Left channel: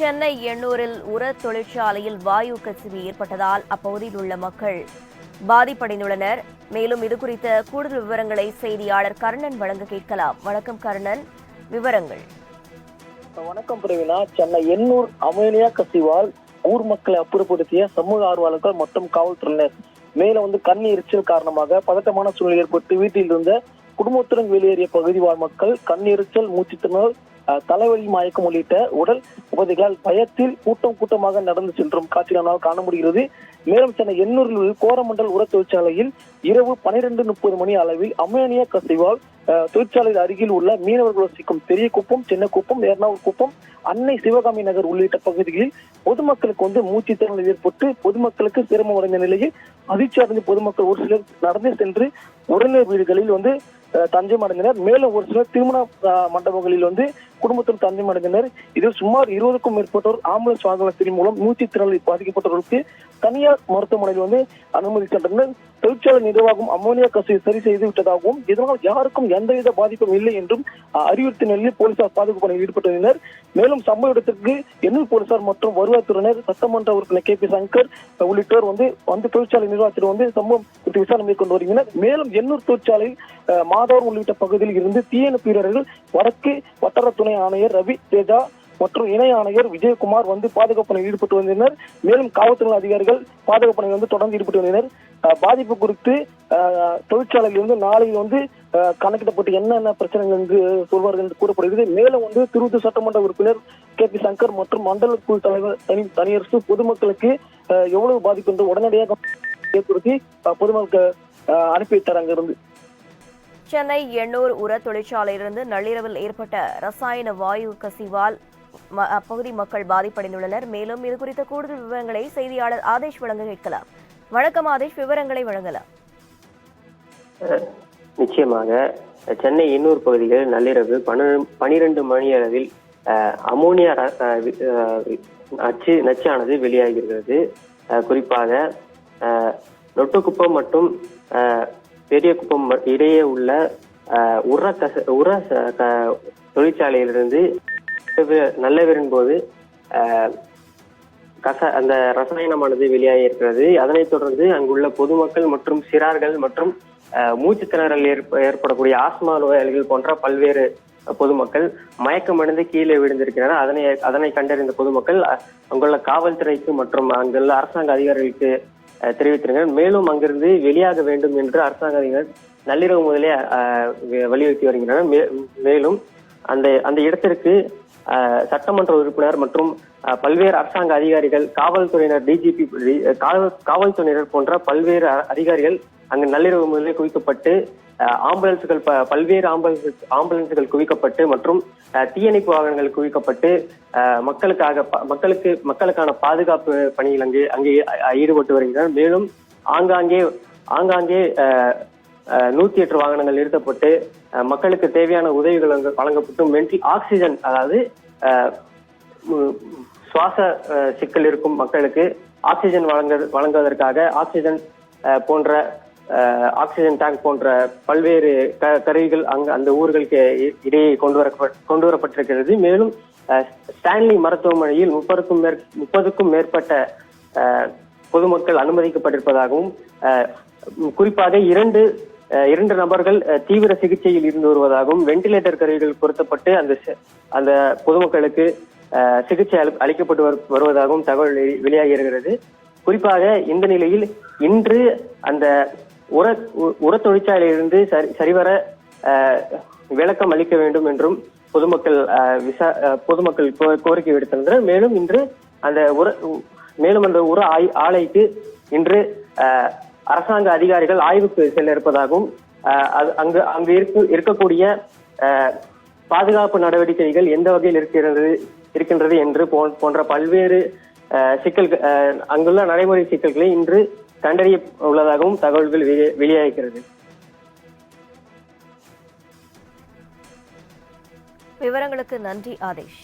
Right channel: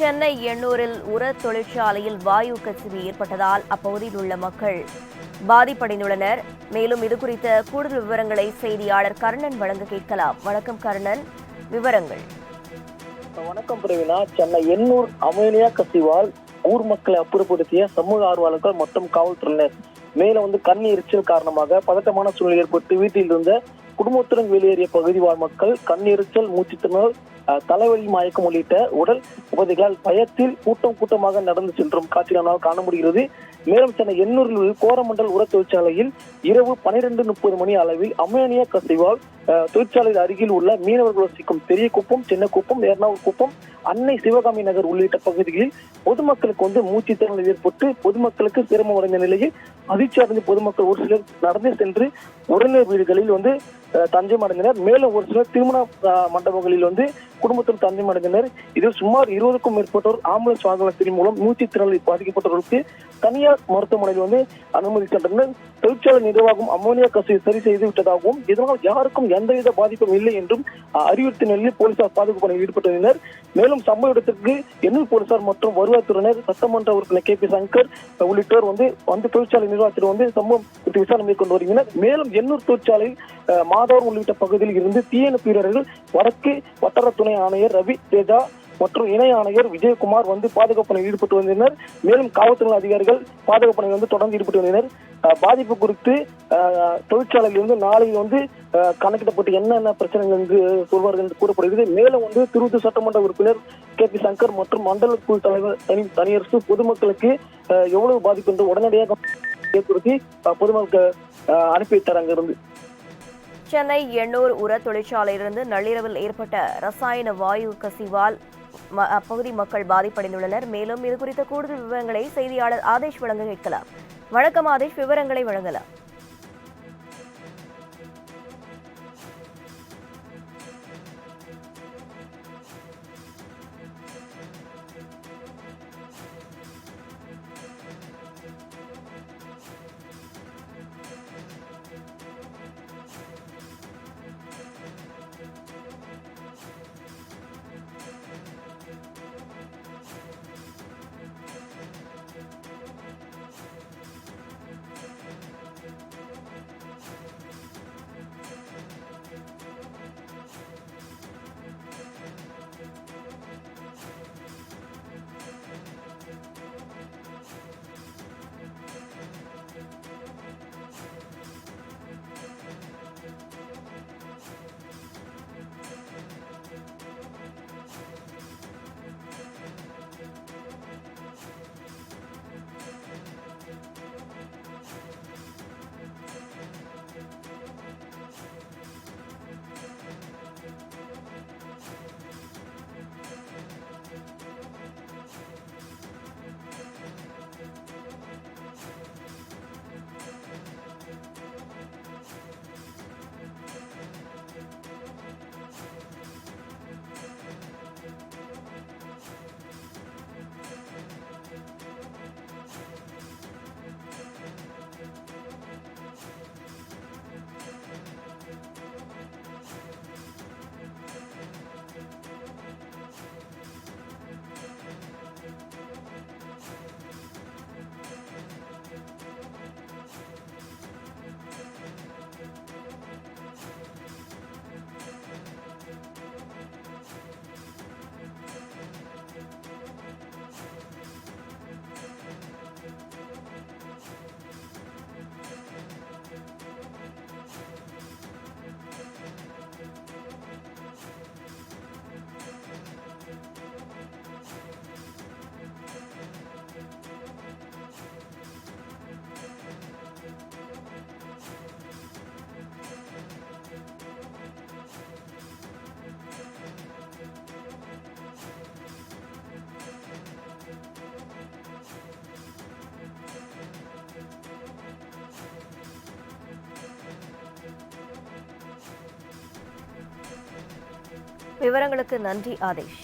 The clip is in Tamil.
சென்னை எண்ணூரில் உர தொழிற்சாலையில் வாயு கசிவு ஏற்பட்டதால் அப்பகுதியில் உள்ள மக்கள் பாதிப்படைந்துள்ளனர். மேலும் இதுகுறித்த கூடுதல் விவரங்களை செய்தியாளர் கர்ணன் வழங்க கேட்கலாம். வணக்கம் கர்ணன், விவரங்கள். வணக்கம் பிரவீனா. சென்னை எண்ணூர் அமோனியா கசிவால் ஊர் மக்களை அப்புறப்படுத்திய சமூக ஆர்வலர்கள் மற்றும் காவல்துறையினர். மேலும் கண் எரிச்சல் காரணமாக பதட்டமான சூழ்நிலை ஏற்பட்டு வீட்டில் இருந்த குடும்பத்துடன் வெளியேறிய பகுதி வாழ் மக்கள் கண் எரிச்சல், மூச்சுத்திணறல், தலைவலி, மயக்கம் உள்ளிட்ட உடல் உபதைகளால் பயத்தில் கூட்டமாக நடந்து சென்றும் காட்சிகளால் காண முடிகிறது. மேலும் சென்னை எண்ணூரில் உள்ள கோரமண்டல் உர தொழிற்சாலையில் இரவு 12:30 மணி அளவில் அமோனியா கசிவால் தொழிற்சாலையில் அருகில் உள்ள மீனவர்கள் வசிக்கும் பெரிய குப்பம், சின்ன குப்பம், எர்ணாவூர் குப்பம், அன்னை சிவகாமி நகர் உள்ளிட்ட பகுதிகளில் பொதுமக்களுக்கு மூச்சு திணறல் ஏற்பட்டு பொதுமக்களுக்கு சிரமம் அடைந்த நிலையில் அதிர்ச்சி அடைந்த பொதுமக்கள் ஒரு சிலர் நடந்து சென்று உறவினர் வீடுகளில் தஞ்சம் அடைந்தனர். மேலும் ஒரு சிலர் திருமண மண்டபங்களில் குடும்பத்தில் தஞ்சம் அடைந்தனர். இதில் சுமார் 20க்கும் மேற்பட்டோர் ஆம்புலன்ஸ் வாகனத்தின் மூலம் மூச்சு திணறலில் பாதிக்கப்பட்டவர்களுக்கு தனியார் மருத்துவமனையில் அனுமதி சென்றனர். தொழிற்சாலை நிர்வாகம் அமோனியா கசிவை சரி செய்து விட்டதாகவும் இதனால் யாருக்கும் எந்தவித பாதிப்பும் இல்லை என்றும் அறிவுறுத்திய நிலையில் போலீசார் பாதுகாப்பு பணியில் ஈடுபட்டுள்ளனர். மேலும் சம்பவ இடத்திற்கு எண்ணூர் போலீசார் மற்றும் வருவாய்த்துறையினர், சட்டமன்ற உறுப்பினர் KP சங்கர் உள்ளிட்டோர் தொழிற்சாலை நிர்வாகத்தில் சம்பவம் குறித்து விசாரணை மேற்கொண்டு வருகின்றனர். மேலும் எண்ணூர் தொழிற்சாலையில் மாதவரம் உள்ளிட்ட பகுதியில் இருந்து தீயணைப்பு வீரர்கள், வடக்கு வட்டார துணை ஆணையர் ரவி தேஜா மற்றும் இணை ஆணையர் விஜயகுமார் பாதுகாப்பு பணியில் ஈடுபட்டு வந்தனர். மேலும் காவல்துறை அதிகாரிகள் பாதுகாப்பு பணியில் தொடர்ந்து ஈடுபட்டு வந்தனர். பாதிப்பு குறித்து தொழிற்சாலையில் நாளையில் கணக்கிடப்பட்டு என்னென்ன பிரச்சனைகள் என்று சொல்வார்கள் என்று கூறப்படுகிறது. மேலும் திருவத்தூர் சட்டமன்ற உறுப்பினர் KP சங்கர் மற்றும் மண்டல குழு தலைவர் தனியரசு பொதுமக்களுக்கு எவ்வளவு பாதிப்பு என்று உடனடியாக ஏற்படுத்தி பொதுமக்கள் அனுப்பி வைத்தார். அங்கிருந்து சென்னை எண்ணூர் உர தொழிற்சாலையிலிருந்து நள்ளிரவில் ஏற்பட்ட ரசாயன வாயு கசிவால் அப்பகுதி மக்கள் பாதிப்படைந்துள்ளனர். மேலும் இது குறித்த கூடுதல் விவரங்களை செய்தியாளர் ஆதேஷ் வழங்க கேட்கலாம். வணக்கம் ஆதேஷ், விவரங்களை வழங்கலாம். நிச்சயமாக சென்னை எண்ணூர் பகுதியில் நள்ளிரவு 12 மணி அளவில் அமோனியா நச்சானது வெளியாகிறது. குறிப்பாக நொட்டுக்குப்பம் மற்றும் பெரிய குப்பம் இடையே உள்ள உர தொழிற்சாலையிலிருந்து நல்லவிரின் போது அந்த ரசாயனமானது வெளியாகி இருக்கிறது. அதனைத் தொடர்ந்து அங்குள்ள பொதுமக்கள் மற்றும் சிறார்கள் மற்றும் மூச்சு திணறல் ஏற்படக்கூடிய ஆஸ்மா நோயாளிகள் போன்ற பல்வேறு பொதுமக்கள் மயக்கமடைந்து கீழே விழுந்திருக்கிறார்கள். அதனை கண்டறிந்த பொதுமக்கள் அங்குள்ள காவல்துறைக்கு மற்றும் அங்குள்ள அரசாங்க அதிகாரிகளுக்கு தெரிவித்திருக்கிறார். மேலும் அங்கிருந்து வெளியாக வேண்டும் என்று அரசாங்க அதிகாரிகள் நள்ளிரவு முதலே வலியுறுத்தி வருகின்றனர். மேலும் அந்த இடத்திற்கு சட்டமன்ற உறுப்பினர் மற்றும் பல்வேறு அரசாங்க அதிகாரிகள், காவல்துறையினர், DGP, காவல்துறையினர் போன்ற பல்வேறு அதிகாரிகள் அங்கு நள்ளிரவு முதலே குவிக்கப்பட்டு ஆம்புலன்ஸுகள், பல்வேறு ஆம்புலன்ஸுகள் குவிக்கப்பட்டு மற்றும் தீயணைப்பு வாகனங்கள் குவிக்கப்பட்டு மக்களுக்கான பாதுகாப்பு பணியில் அங்கே ஈடுபட்டு வருகின்றனர். மேலும் ஆங்காங்கே 108 வாகனங்கள் நிறுத்தப்பட்டு மக்களுக்கு தேவையான உதவிகள் வழங்கப்பட்டு ஆக்சிஜன், அதாவது சுவாச சிக்கல் இருக்கும் மக்களுக்கு ஆக்சிஜன் வழங்குவதற்காக ஆக்சிஜன் டேங்க் போன்ற பல்வேறு கருவிகள் அந்த ஊர்களுக்கு இடையே கொண்டு வரப்பட்டிருக்கிறது. மேலும் ஸ்டான்லி மருத்துவமனையில் 30க்கும் மேற்பட்ட பொதுமக்கள் அனுமதிக்கப்பட்டிருப்பதாகவும் குறிப்பாக இரண்டு நபர்கள் தீவிர சிகிச்சையில் இருந்து வருவதாகவும் வெண்டிலேட்டர் கருவிகள் பொருத்தப்பட்டு அந்த பொதுமக்களுக்கு சிகிச்சை அளிக்கப்பட்டு வருவதாகவும் தகவல் வெளியாகி இருக்கிறது. குறிப்பாக இந்த நிலையில் இன்று அந்த உர தொழிற்சாலையிலிருந்து சரிவர விளக்கம் அளிக்க வேண்டும் என்றும் பொதுமக்கள் கோரிக்கை விடுத்திருந்தனர். மேலும் இன்று அந்த உர ஆலைக்கு இன்று அரசாங்க அதிகாரிகள் ஆய்வுக்கு செல்ல இருப்பதாகவும் அங்கு இருக்கக்கூடிய பாதுகாப்பு நடவடிக்கைகள் எந்த வகையில் இருக்கின்றது என்று போன்ற பல்வேறு சிக்கல்கள், அங்குள்ள நடைமுறை சிக்கல்களை இன்று கண்டறிய உள்ளதாகவும் தகவல்கள் வெளியாகிறது. விவரங்களுக்கு நன்றி ஆதேஷ்.